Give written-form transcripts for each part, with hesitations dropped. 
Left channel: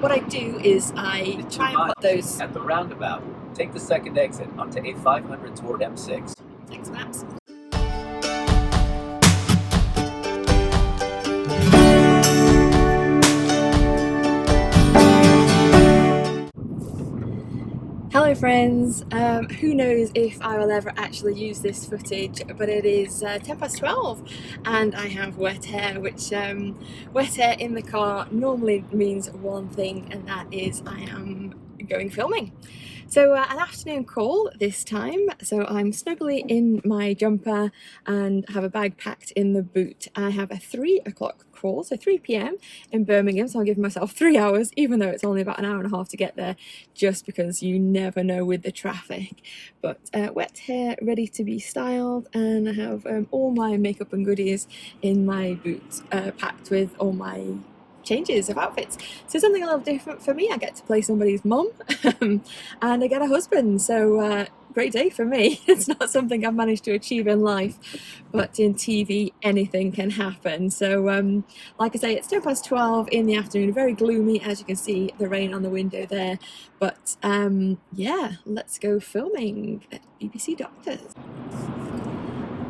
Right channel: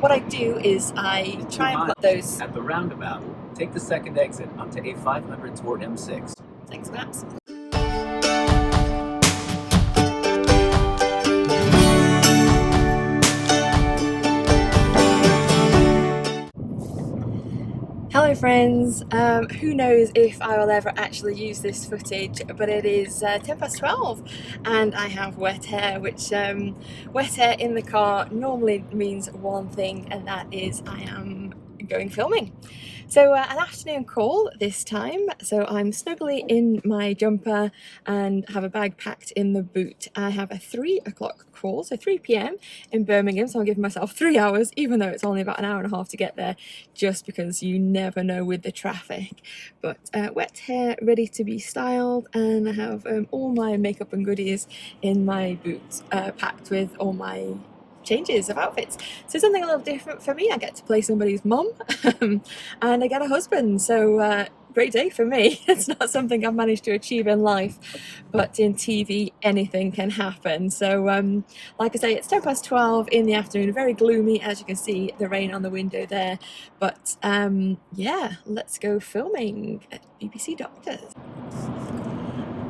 But what I do is I try and put those... At the roundabout, take the second exit onto A500 toward M6. Thanks, Maps. Hello friends, who knows if I will ever actually use this footage, but it is 12 and I have wet hair, which wet hair in the car normally means one thing, and that is I am going filming. So an afternoon call this time, so I'm snugly in my jumper and have a bag packed in the boot. I have a 3 o'clock call, so 3 p.m. in Birmingham, so I'll give myself 3 hours, even though it's only about an hour and a half to get there, just because you never know with the traffic. But wet hair, ready to be styled, and I have all my makeup and goodies in my boot, packed with all my changes of outfits. So something a little different for me. I get to play somebody's mum and I get a husband, so great day for me. It's not something I've managed to achieve in life, but in TV anything can happen. So like I say, it's 12 in the afternoon, very gloomy, as you can see the rain on the window there, but yeah, let's go filming at BBC Doctors.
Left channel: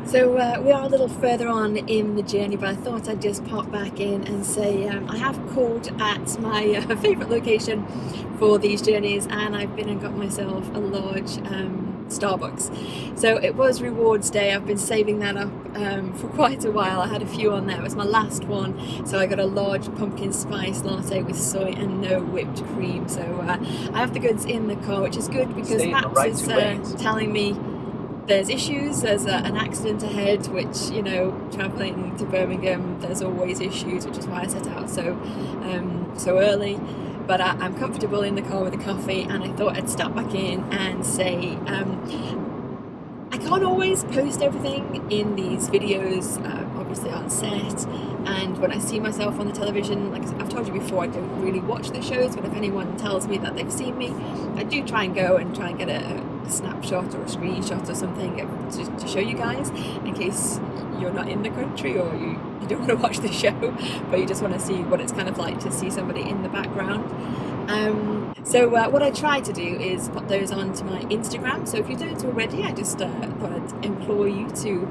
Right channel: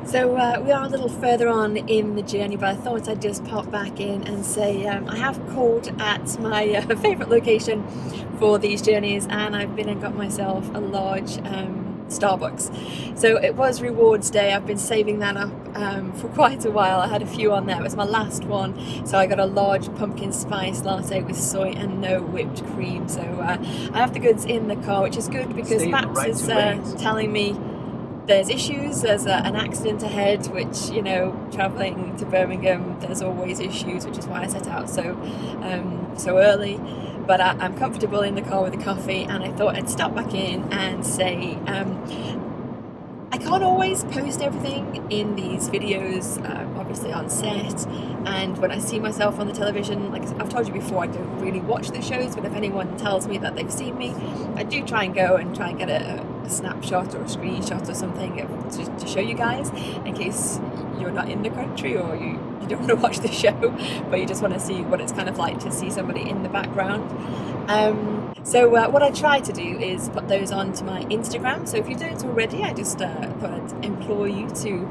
So we are a little further on in the journey, but I thought I'd just pop back in and say I have called at my favourite location for these journeys, and I've been and got myself a large Starbucks. So it was rewards day. I've been saving that up for quite a while. I had a few on there. It was my last one, so I got a large pumpkin spice latte with soy and no whipped cream. So I have the goods in the car, which is good because Max is telling me there's issues, there's an accident ahead, which, you know, travelling to Birmingham, there's always issues, which is why I set out so early. But I'm comfortable in the car with the coffee, and I thought I'd stop back in and say I can't always post everything in these videos, obviously on set, and when I see myself on the television, like I've told you before, I don't really watch the shows, but if anyone tells me that they've seen me, I do try and go and try and get a snapshot or a screenshot or something to show you guys, in case you're not in the country or you don't want to watch the show, but you just want to see what it's kind of like to see somebody in the background. So what I try to do is put those onto my Instagram. So if you don't already, I just thought I'd implore you to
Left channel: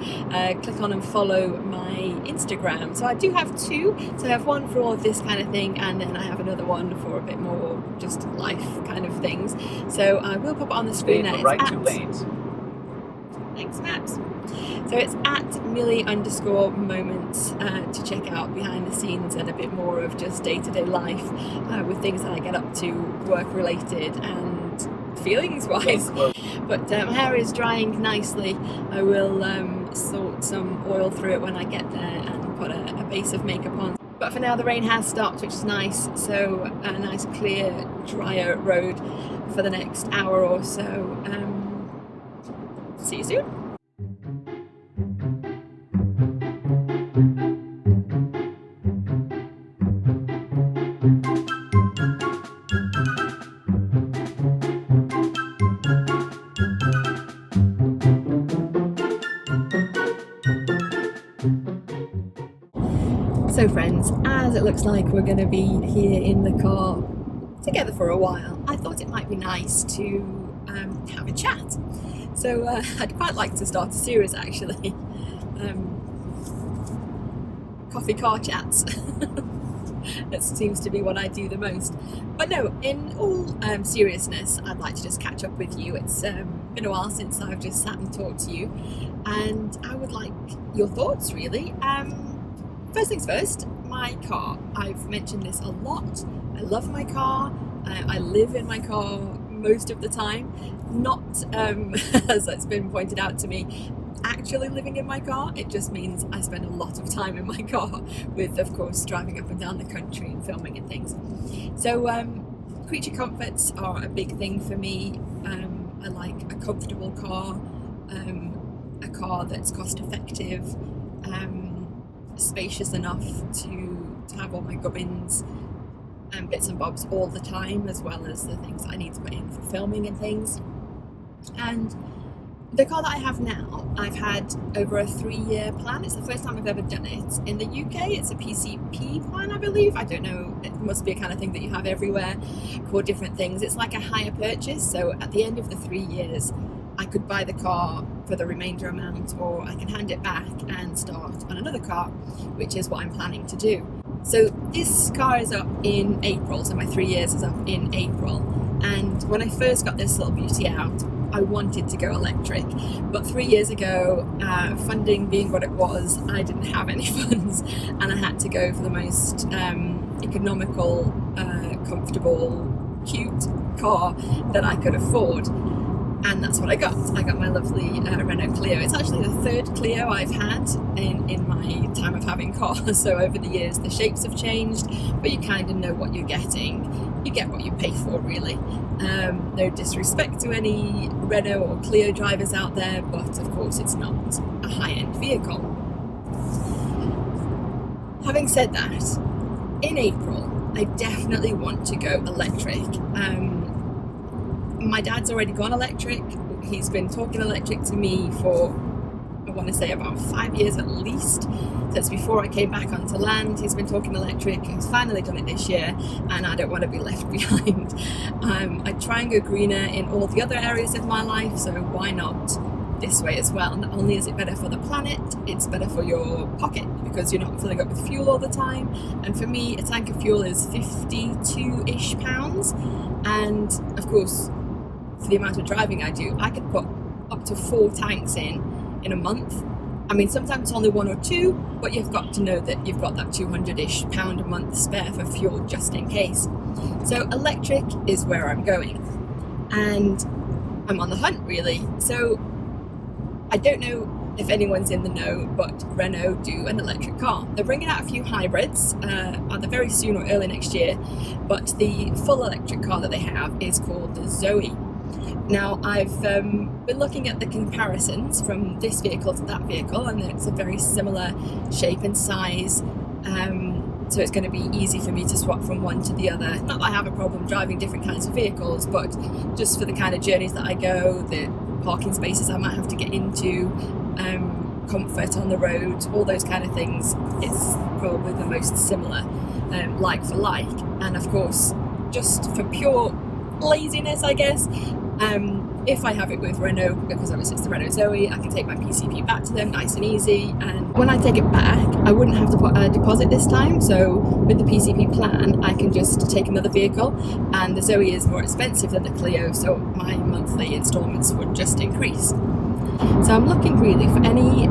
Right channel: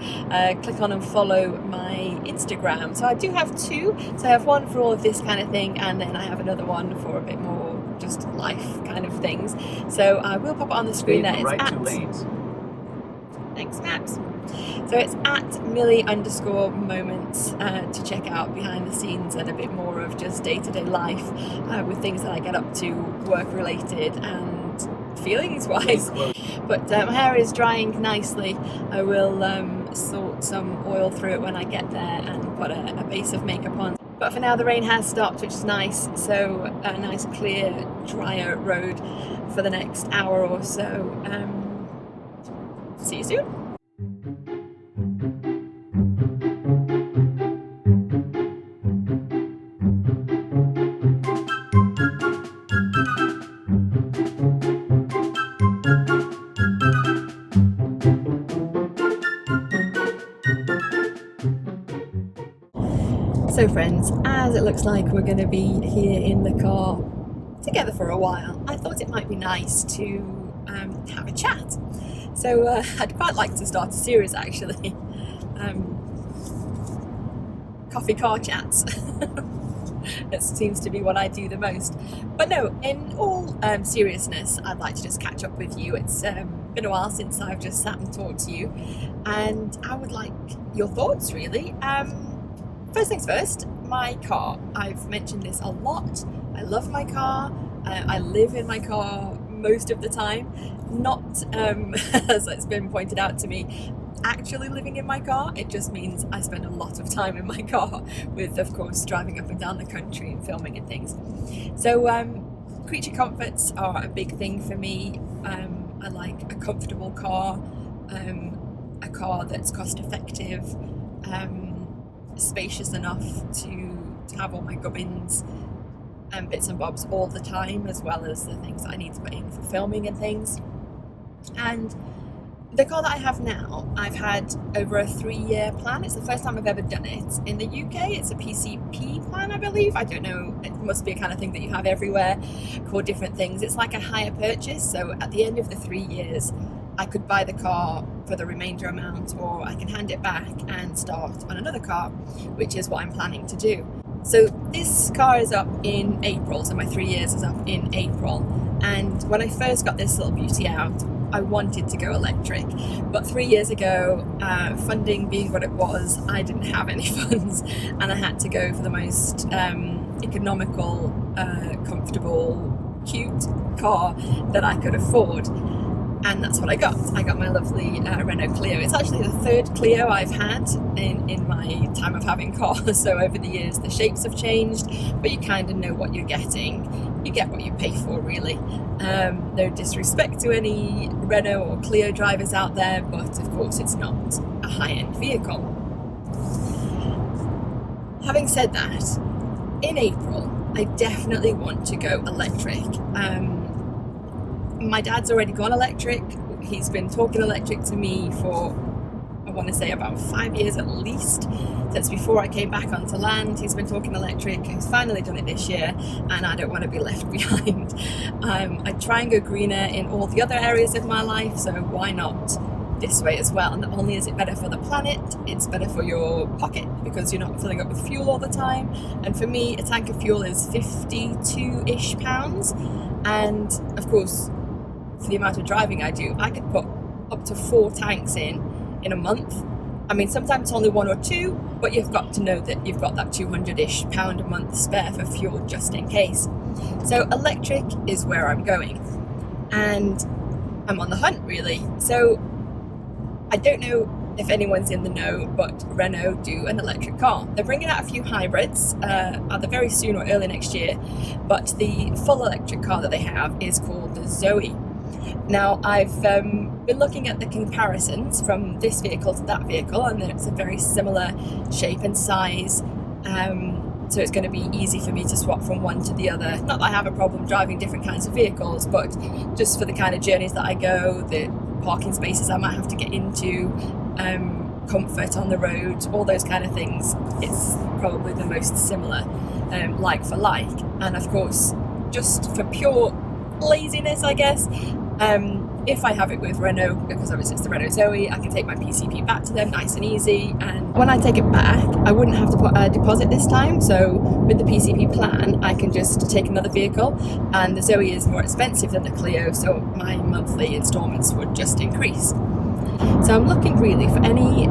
click on and follow my Instagram. So I do have 2. So I have one for all of this kind of thing, and then I have another one for a bit more just life kind of things. So I will pop it on the screen there. It's Thanks, Maps. So it's at Millie_moments to check out behind the scenes and a bit more of just day-to-day life with things that I get up to, work related and feelings wise. But my hair is drying nicely. I will sort some oil through it when I get there and put a base of makeup on. But for now the rain has stopped, which is nice, so a nice clear drier road for the next hour or so. See you soon. So friends, as it looks like we're going to be here in the car together for a while, I thought it might be nice to have a chat. So I'd quite like to start a series actually, coffee car chats. That seems to be what I do the most. But no, in all seriousness, I'd like to just catch up with you. It's been a while since I've just sat and talked to you, and I would like your thoughts really. First things first, my car. I've mentioned this a lot. I love my car. I live in my car most of the time. Not, as it's been pointed out to me, actually living in my car. It just means I spend a lot of time in my car with, of course, driving up and down the country and filming and things. So creature comforts are a big thing for me. I like a comfortable car, a car that's cost effective, spacious enough to have all my gubbins and bits and bobs all the time, as well as the things that I need to put in for filming and things. And The car that I have now, I've had over a 3-year plan. It's the first time I've ever done it. In the UK, it's a PCP plan, I believe. I don't know, it must be a kind of thing that you have everywhere, called different things. It's like a hire purchase, so at the end of the 3 years, I could buy the car for the remainder amount, or I can hand it back and start on another car, which is what I'm planning to do. So this car is up in April, so my 3 years is up in April. And when I first got this little beauty out, I wanted to go electric, but 3 years ago, funding being what it was, I didn't have any funds, and I had to go for the most economical, comfortable, cute car that I could afford. And that's what I got. I got my lovely Renault Clio. It's actually the third Clio I've had in my time of having cars. So over the years, the shapes have changed, but you kind of know what you're getting. You get what you pay for, really. No disrespect to any Renault or Clio drivers out there, but of course it's not a high-end vehicle. Having said that, in April, I definitely want to go electric. My dad's already gone electric. He's been talking electric to me for, I want to say, about 5 years at least. Since before I came back onto land, he's been talking electric. He's finally done it this year, and I don't want to be left behind. I try and go greener in all the other areas of my life, so why not this way as well? And not only is it better for the planet, it's better for your pocket, because you're not filling up with fuel all the time. And for me, a tank of fuel is 52-ish pounds, and of course, for the amount of driving I do, I could put up to 4 tanks in a month. I mean, sometimes it's only 1 or 2, but you've got to know that you've got that 200-ish pound a month spare for fuel just in case. So electric is where I'm going, and I'm on the hunt, really. So I don't know if anyone's in the know, but Renault do an electric car. They're bringing out a few hybrids either very soon or early next year, but the full electric car that they have is called the Zoe. Now, I've been looking at the comparisons from this vehicle to that vehicle, and it's a very similar shape and size, so it's going to be easy for me to swap from one to the other. Not that I have a problem driving different kinds of vehicles, but just for the kind of journeys that I go, the parking spaces I might have to get into, comfort on the road, all those kind of things, it's probably the most similar, like for like. And of course, just for pure laziness, I guess, if I have it with Renault, because obviously it's the Renault Zoe, I can take my PCP back to them nice and easy, and when I take it back, I wouldn't have to put a deposit this time. So with the PCP plan, I can just take another vehicle, and the Zoe is more expensive than the Clio, so my monthly instalments would just increase. So I'm looking really for any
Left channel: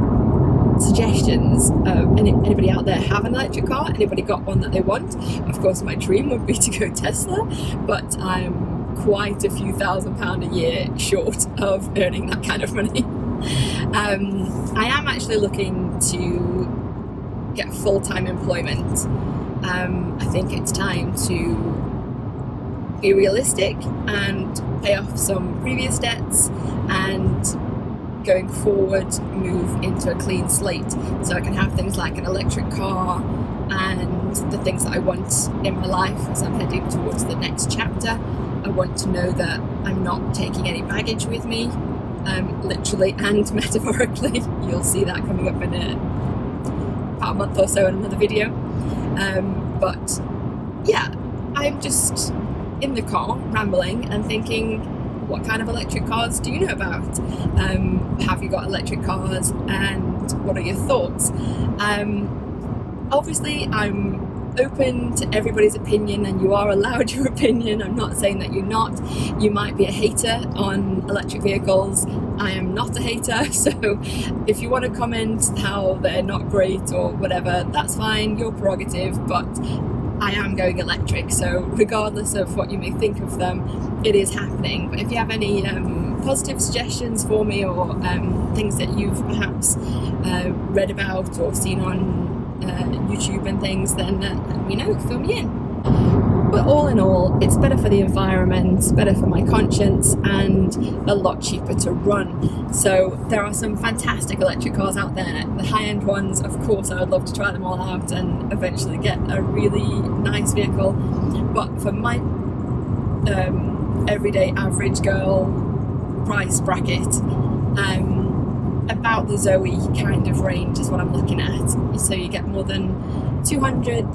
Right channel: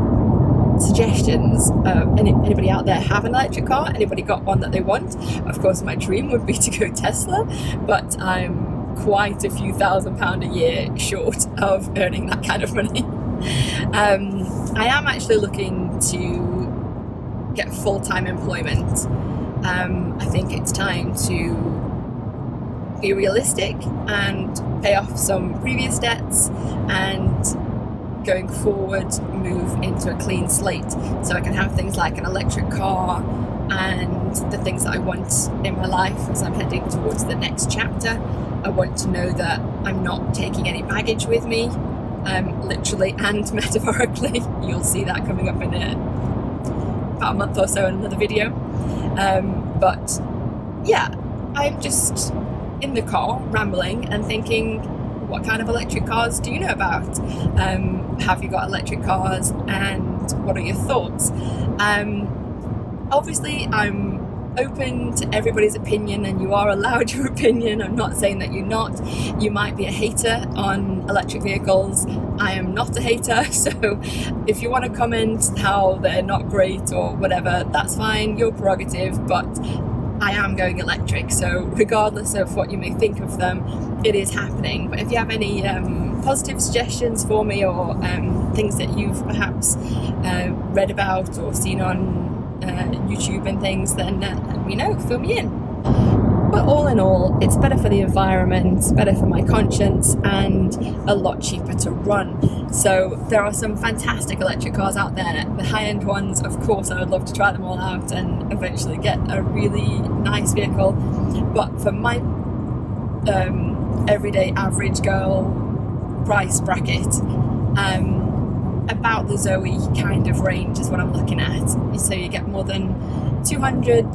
suggestions. Anybody out there have an electric car? Anybody got one that they want? Of course, my dream would be to go Tesla, but I'm quite a few £1,000 a year short of earning that kind of money. I am actually looking to get full-time employment. I think it's time to be realistic and pay off some previous debts, and going forward move into a clean slate, so I can have things like an electric car and the things that I want in my life as I'm heading towards the next chapter. I want to know that I'm not taking any baggage with me, literally and metaphorically. You'll see that coming up in about a month or so in another video. But yeah, I'm just in the car rambling and thinking, what kind of electric cars do you know about? Have you got electric cars, and what are your thoughts? Obviously, I'm open to everybody's opinion, and you are allowed your opinion. I'm not saying that you're not. You might be a hater on electric vehicles. I am not a hater, so if you want to comment how they're not great or whatever, that's fine, your prerogative, but I am going electric, so regardless of what you may think of them, it is happening. But if you have any positive suggestions for me, or things that you've perhaps read about or seen on YouTube and things, then let me know, fill me in. But all in all, it's better for the environment, better for my conscience, and a lot cheaper to run. So there are some fantastic electric cars out there. The high-end ones, of course, I would love to try them all out and eventually get a really nice vehicle. But for my everyday average girl price bracket, About the Zoe kind of range is what I'm looking at. So you get more than 200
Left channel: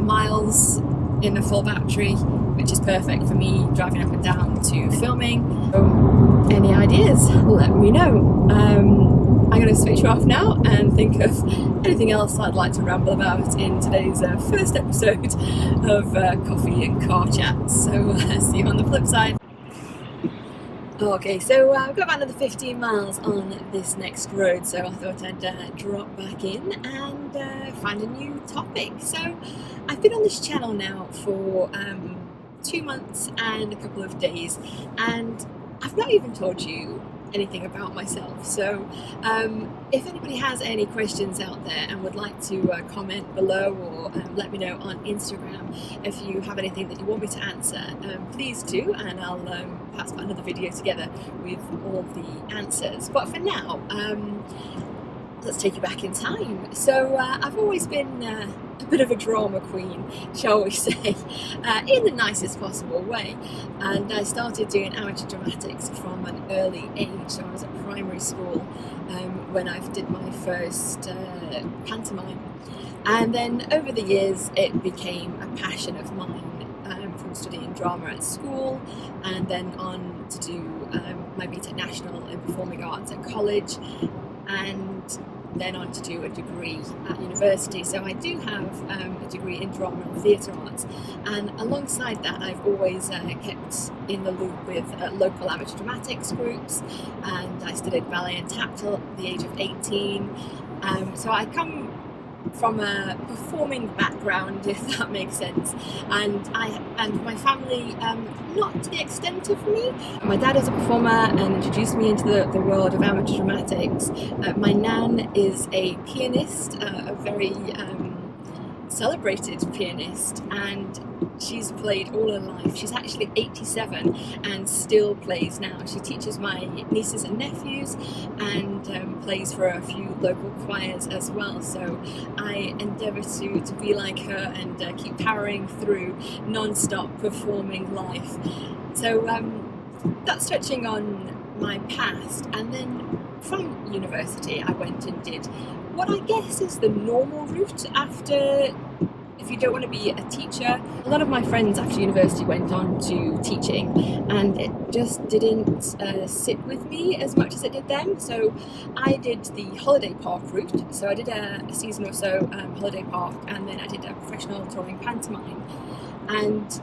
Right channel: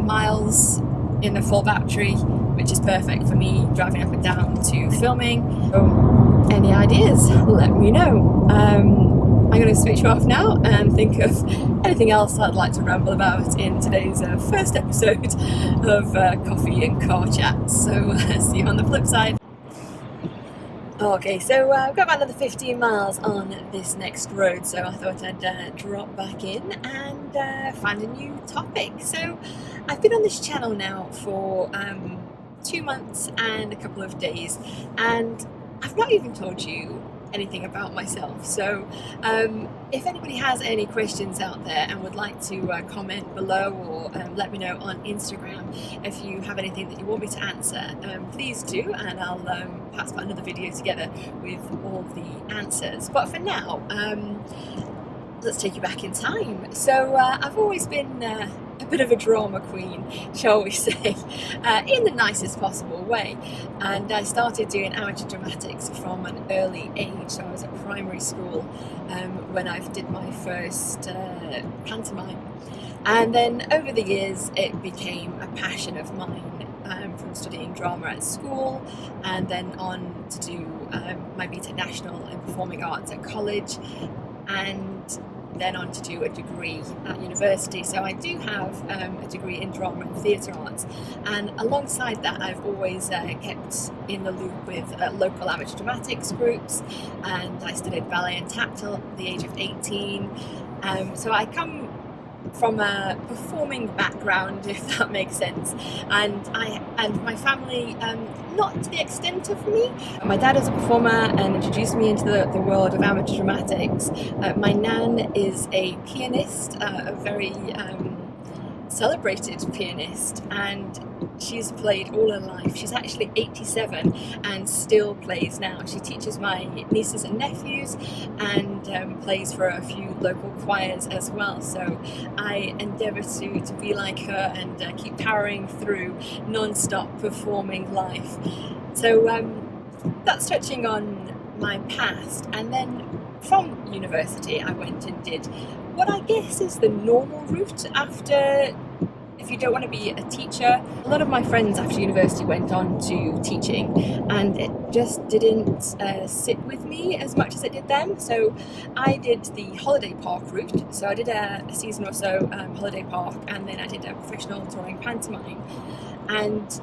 miles in a full battery, which is perfect for me driving up and down to filming. So any ideas, let me know. I'm going to switch you off now and think of anything else I'd like to ramble about in today's first episode of Coffee and Car Chat. So see you on the flip side. Okay, so I've got about another 15 miles on this next road, so I thought I'd drop back in and find a new topic. So I've been on this channel now for 2 months and a couple of days, and I've not even told you anything about myself. So if anybody has any questions out there and would like to comment below or let me know on Instagram if you have anything that you want me to answer, please do, and I'll perhaps put another video together with all the answers. But for now, let's take you back in time. So I've always been a bit of a drama queen, shall we say, in the nicest possible way. And I started doing amateur dramatics from an early age. So I was at primary school when I did my first pantomime. And then over the years, it became a passion of mine, from studying drama at school and then on to do my BTEC National in Performing Arts at college, and then on to do a degree at university. So I do have a degree in drama and theatre arts, and alongside that I've always kept in the loop with local amateur dramatics groups, and I studied ballet and tactile at the age of 18. So I come from a performing background, if that makes sense, and my family, not to the extent of me. My dad was a performer and introduced me into the world of amateur dramatics. My nan is a pianist, a very celebrated pianist, and she's played all her life. She's actually 87 and still plays now. She teaches my nieces and nephews and plays for a few local choirs as well. So I endeavour to be like her and keep powering through non-stop performing life. So that's touching on my past. And then from university I went and did what I guess is the normal route after, if you don't want to be a teacher. A lot of my friends after university went on to teaching, and it just didn't sit with me as much as it did them. So I did the holiday park route. So I did a season or so holiday park, and then I did a professional touring pantomime. And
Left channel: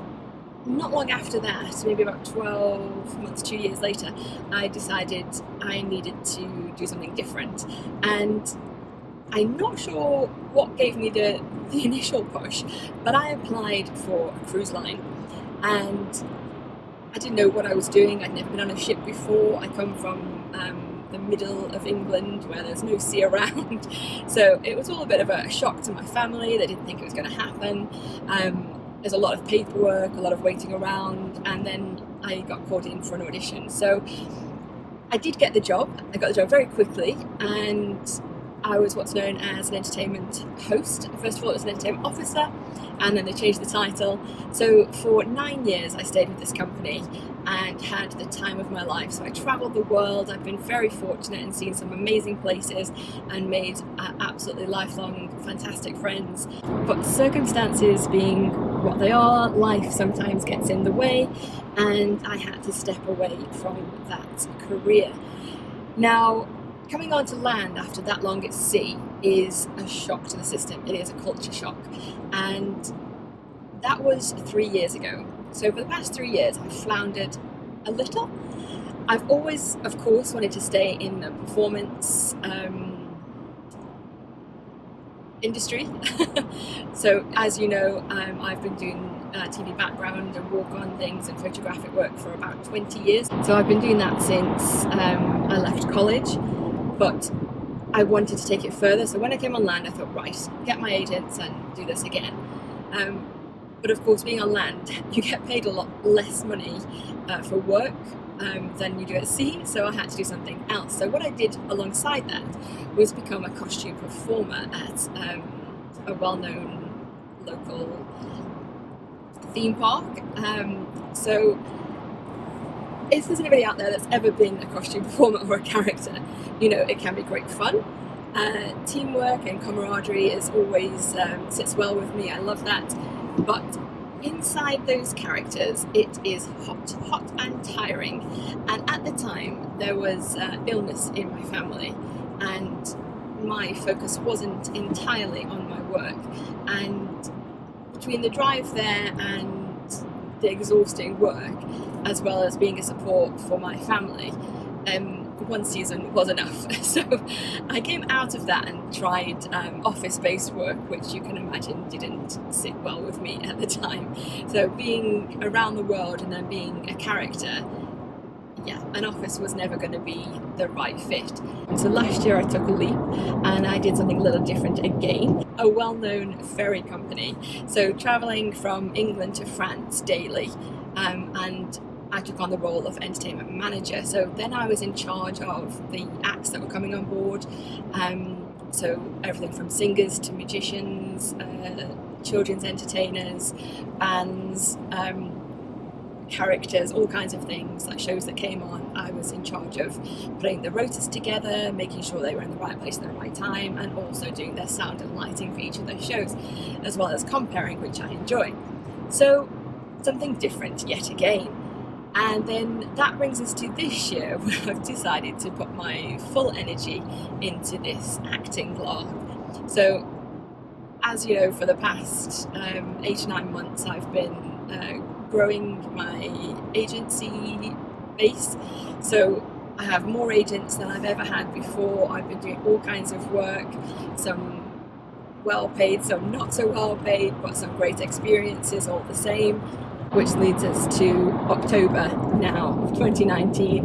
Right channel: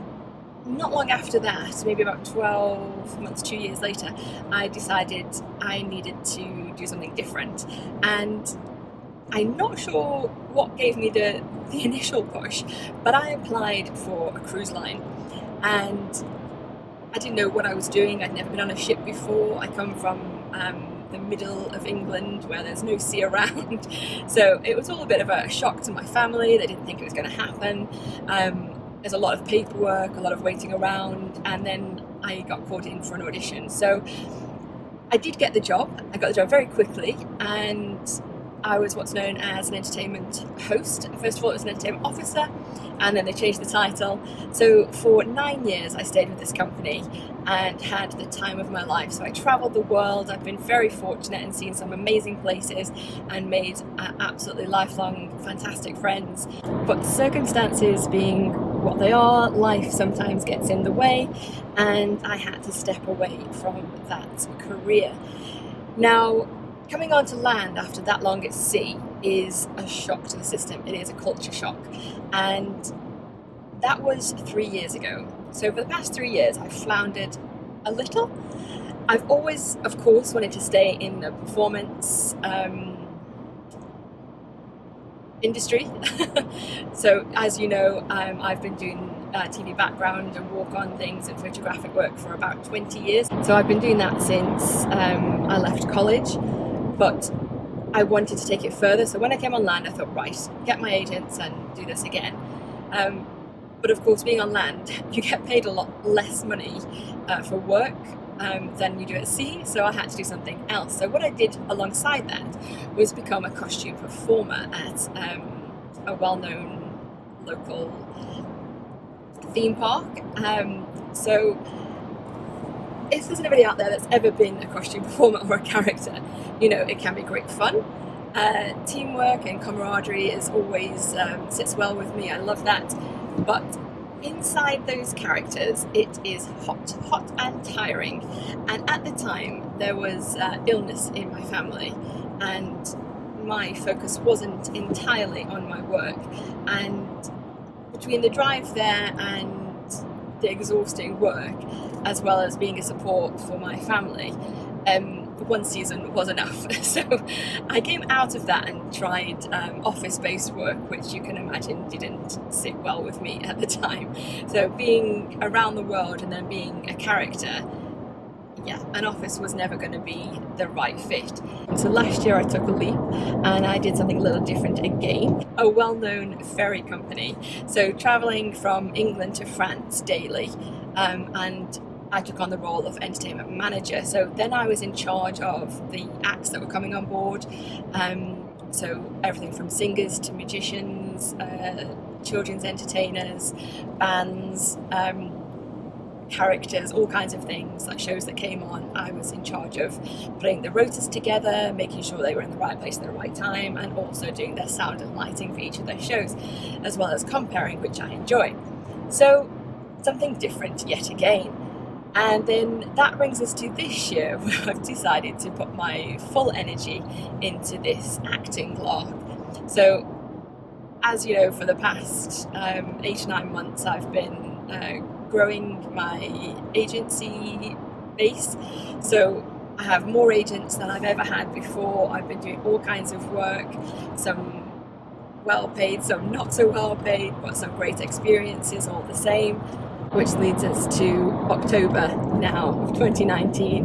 not long after that, maybe about 12 months, 2 years later, I decided I needed to do something different. And I'm not sure what gave me the initial push, but I applied for a cruise line, and I didn't know what I was doing. I'd never been on a ship before. I come from the middle of England where there's no sea around, so it was all a bit of a shock to my family. They didn't think it was going to happen. There's a lot of paperwork, a lot of waiting around, and then I got called in for an audition. So I did get the job. I got the job very quickly, and I was what's known as an entertainment host. First of all, it was an entertainment officer, and then they changed the title. So for 9 years, I stayed with this company and had the time of my life. So I travelled the world. I've been very fortunate and seen some amazing places and made absolutely lifelong, fantastic friends. But circumstances being what they are, life sometimes gets in the way, and I had to step away from that career. Now, coming onto land after that long at sea is a shock to the system. It is a culture shock, and that was 3 years ago. So for the past 3 years I've floundered a little. I've always, of course, wanted to stay in the performance industry. So as you know, I've been doing TV background and walk-on things and photographic work for about 20 years. So I've been doing that since I left college. But I wanted to take it further. So when I came on land, I thought, right, get my agents and do this again. But of course, being on land, you get paid a lot less money for work than you do at sea. So I had to do something else. So what I did alongside that was become a costume performer at a well-known local theme park. So if there's anybody out there that's ever been a costume performer or a character, you know, it can be great fun. Teamwork and camaraderie is always sits well with me. I love that. But inside those characters, it is hot and tiring. And at the time, there was illness in my family, and my focus wasn't entirely on my work. And between the drive there and the exhausting work, as well as being a support for my family, one season was enough. So I came out of that and tried office-based work, which you can imagine didn't sit well with me at the time. So being around the world and then being a character, yeah, an office was never going to be the right fit. So last year I took a leap and I did something a little different again. A well-known ferry company, so travelling from England to France daily, and I took on the role of entertainment manager. So then I was in charge of the acts that were coming on board. So everything from singers to magicians, children's entertainers, bands, characters, all kinds of things, like shows that came on. I was in charge of putting the rotas together, making sure they were in the right place at the right time, and also doing their sound and lighting for each of those shows, as well as comparing, which I enjoy. So something different yet again. And then that brings us to this year, where I've decided to put my full energy into this acting block. So, as you know, for the past 8 to 9 months, I've been growing my agency base. So I have more agents than I've ever had before. I've been doing all kinds of work, some well paid, some not so well paid, but some great experiences all the same. Which leads us to October now of 2019,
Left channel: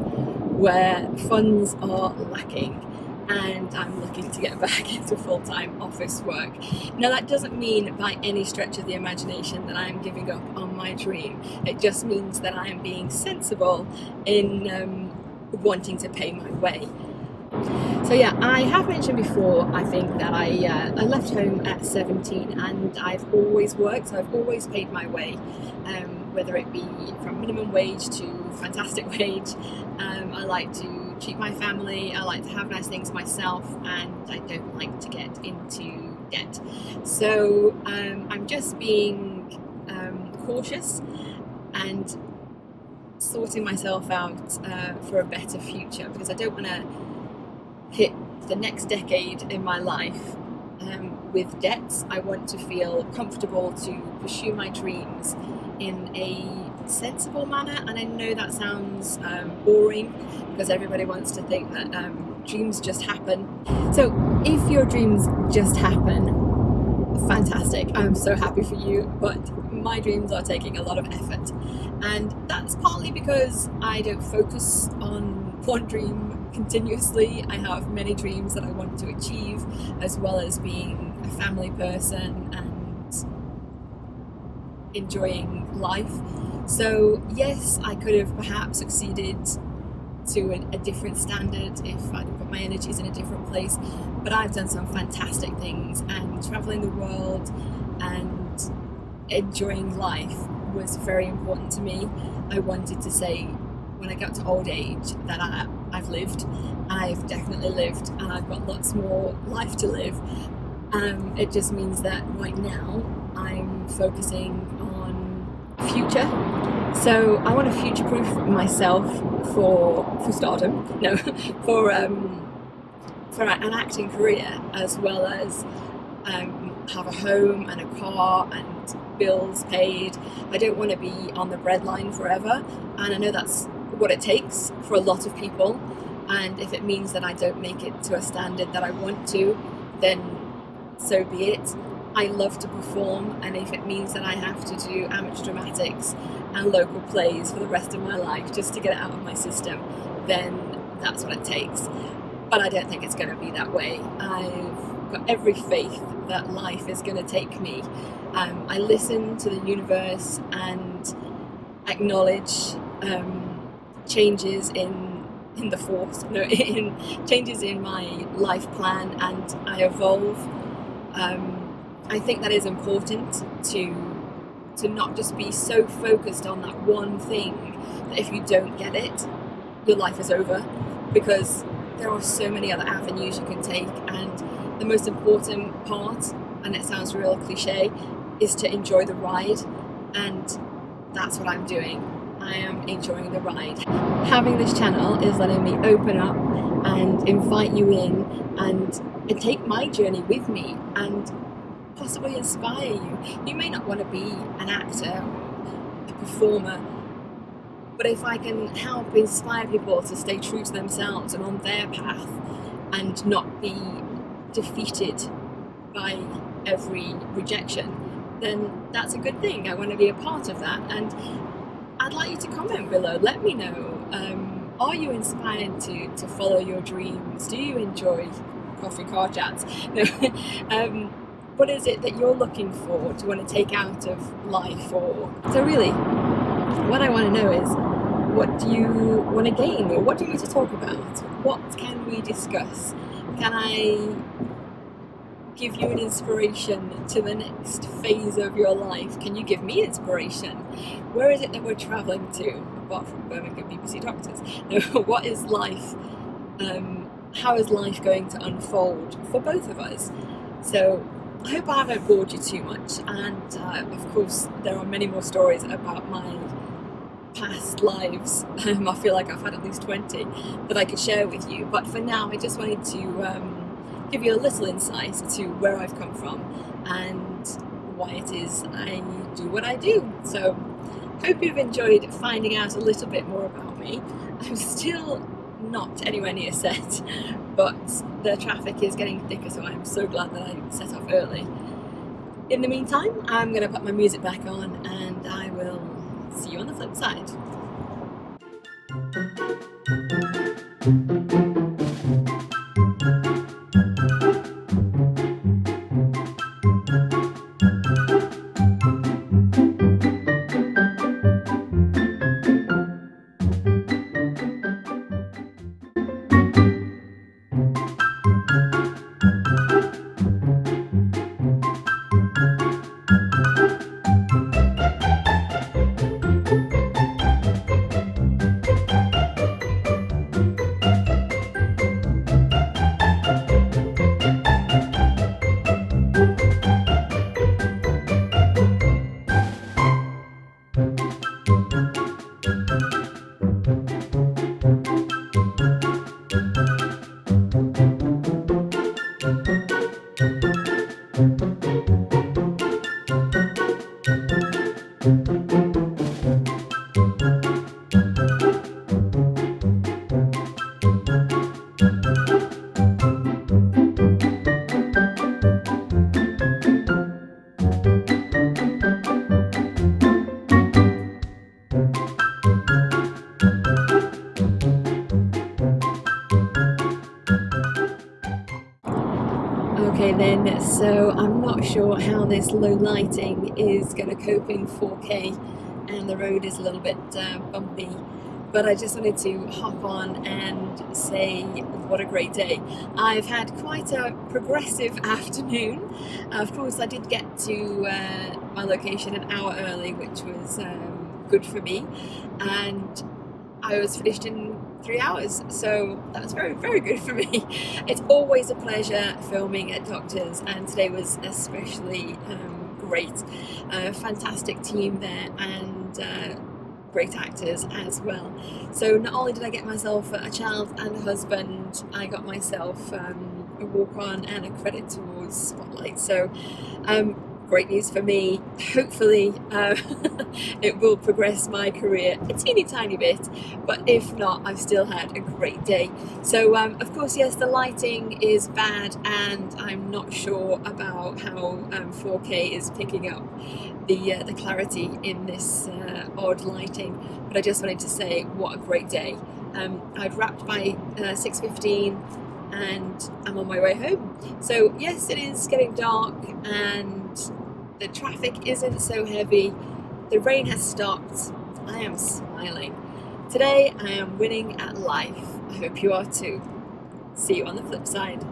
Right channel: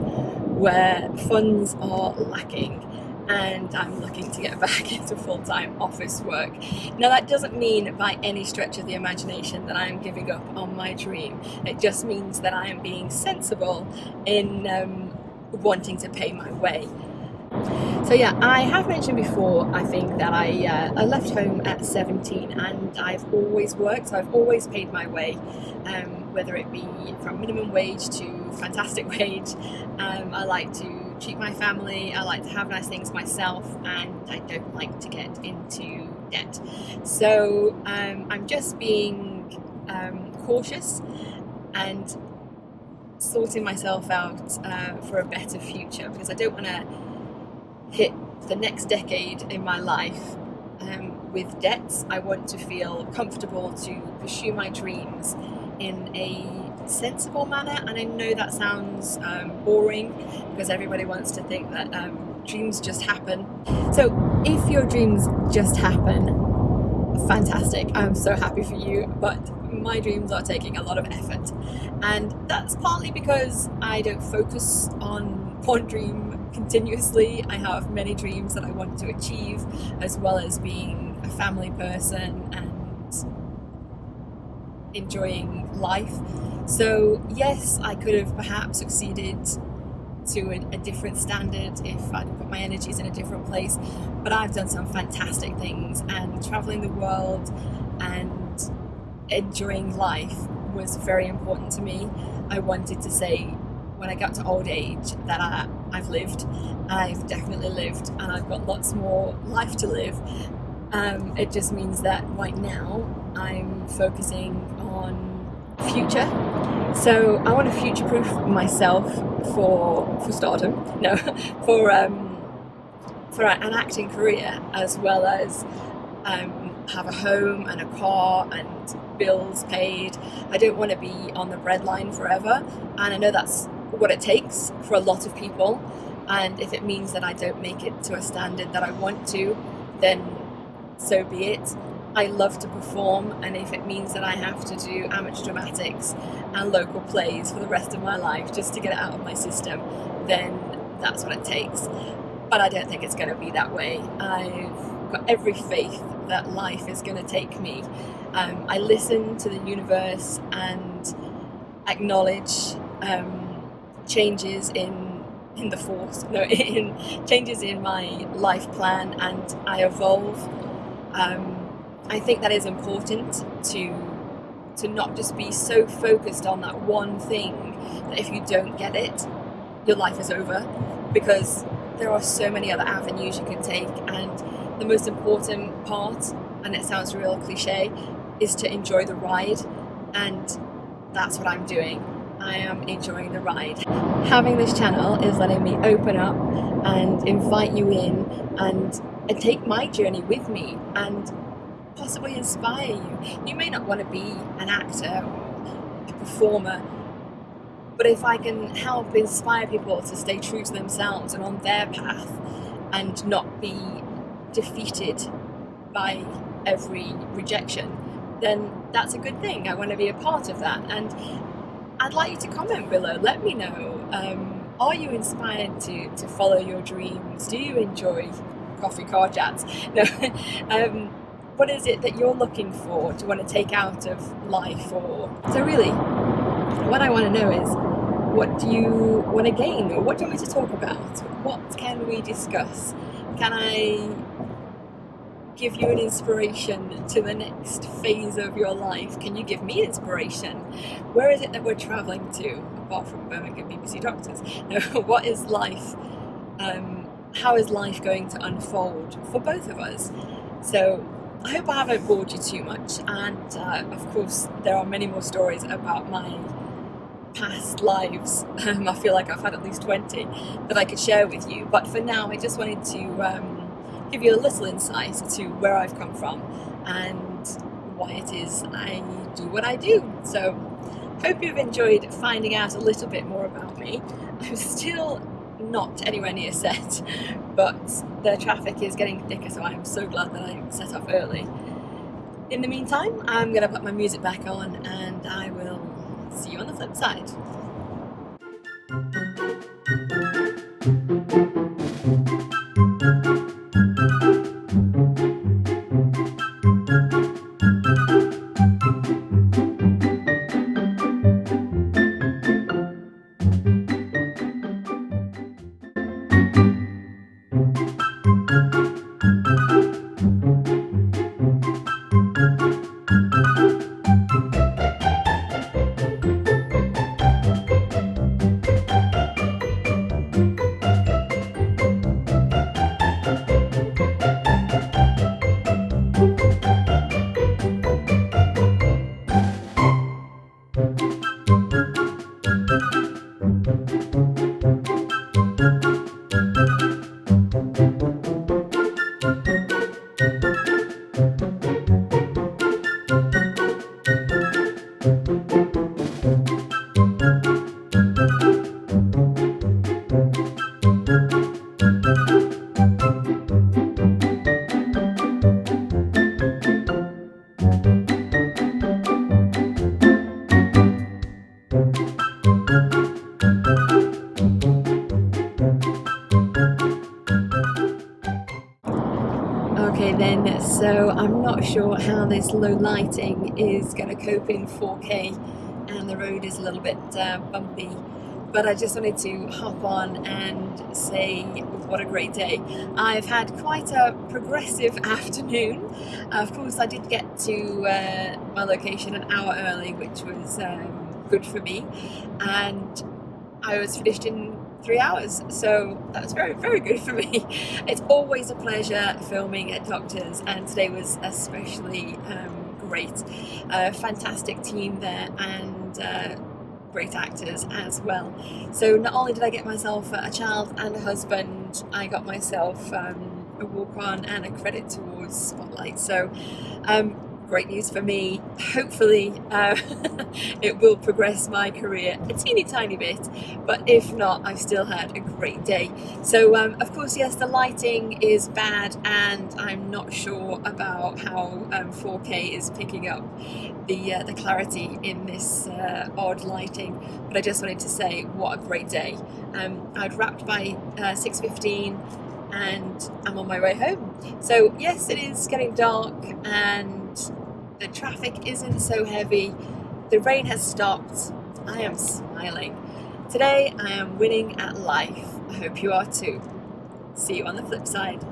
where funds are lacking and I'm looking to get back into full-time office work. Now that doesn't mean by any stretch of the imagination that I'm giving up on my dream. It just means that I am being sensible in wanting to pay my way. So yeah, I have mentioned before, I think, that I left home at 17 and I've always worked, so I've always paid my way, whether it be from minimum wage to fantastic wage. I like to treat my family, I like to have nice things myself, and I don't like to get into debt. So I'm just being cautious and sorting myself out for a better future, because I don't want to hit the next decade in my life with debts. I want to feel comfortable to pursue my dreams in a sensible manner, and I know that sounds boring, because everybody wants to think that dreams just happen. So if your dreams just happen, fantastic, I'm so happy for you, but my dreams are taking a lot of effort, and that's partly because I don't focus on one dream continuously. I have many dreams that I want to achieve, as well as being a family person and enjoying life. So yes, I could have perhaps succeeded to a different standard if I'd put my energies in a different place, but I've done some fantastic things, and traveling the world and enjoying life was very important to me. I wanted to say, when I got to old age, that I've lived, and I've definitely lived, and I've got lots more life to live. It just means that right now I'm focusing on future. So I want to future-proof myself for stardom, no, for an acting career, as well as have a home and a car and bills paid. I don't want to be on the breadline forever, and I know that's what it takes for a lot of people, and if it means that I don't make it to a standard that I want to, then so be it. I love to perform, and if it means that I have to do amateur dramatics and local plays for the rest of my life just to get it out of my system, then that's what it takes. But I don't think it's going to be that way. I've got every faith that life is going to take me. I listen to the universe and acknowledge changes in the force, no, in changes in my life plan, and I evolve. I think that is important to not just be so focused on that one thing that if you don't get it, your life is over, because there are so many other avenues you can take, and the most important part, and it sounds real cliche, is to enjoy the ride, and that's what I'm doing. I am enjoying the ride. Having this channel is letting me open up and invite you in and take my journey with me and possibly inspire you. You may not want to be an actor or a performer, but if I can help inspire people to stay true to themselves and on their path and not be defeated by every rejection, then that's a good thing. I want to be a part of that, and I'd like you to comment below. Let me know, are you inspired to follow your dreams? Do you enjoy coffee car chats? No. What is it that you're looking for, to want to take out of life? Or so really, what I want to know is, what do you want to gain, or what do you want me to talk about? What can we discuss? Can I give you an inspiration to the next phase of your life? Can you give me inspiration? Where is it that we're travelling to, apart from Birmingham BBC doctors? No, what is life? How is life going to unfold for both of us? So I hope I haven't bored you too much, and of course there are many more stories about my past lives. I feel like I've had at least 20 that I could share with you, but for now I just wanted to give you a little insight to where I've come from and why it is I do what I do. So hope you've enjoyed finding out a little bit more about me. I'm still not anywhere near set, but the traffic is getting thicker, so I'm so glad that I set off early. In the meantime, I'm going to put my music back on, and I will see you on the flip side. Okay then, so I'm not sure how this low lighting is going to cope in 4K, and the road is a little bit bumpy, but I just wanted to hop on and say what a great day. I've had quite a progressive afternoon. Of course I did get to my location an hour early, which was good for me, and I was finished in 3 hours, so that's very, very good for me. It's always a pleasure filming at Doctors, and today was especially great. Fantastic team there, and great actors as well. So not only did I get myself a child and a husband, I got myself a walk on and a credit towards Spotlight. So great news for me. Hopefully it will progress my career a teeny tiny bit, but if not, I've still had a great day. So of course, yes, the lighting is bad, and I'm not sure about how 4K is picking up the clarity in this odd lighting, but I just wanted to say what a great day. I'd wrapped by 6:15 and I'm on my way home. So yes, it is getting dark and the traffic isn't so heavy. The rain has stopped. I am smiling. Today I am winning at life. I hope you are too. See you on the flip side.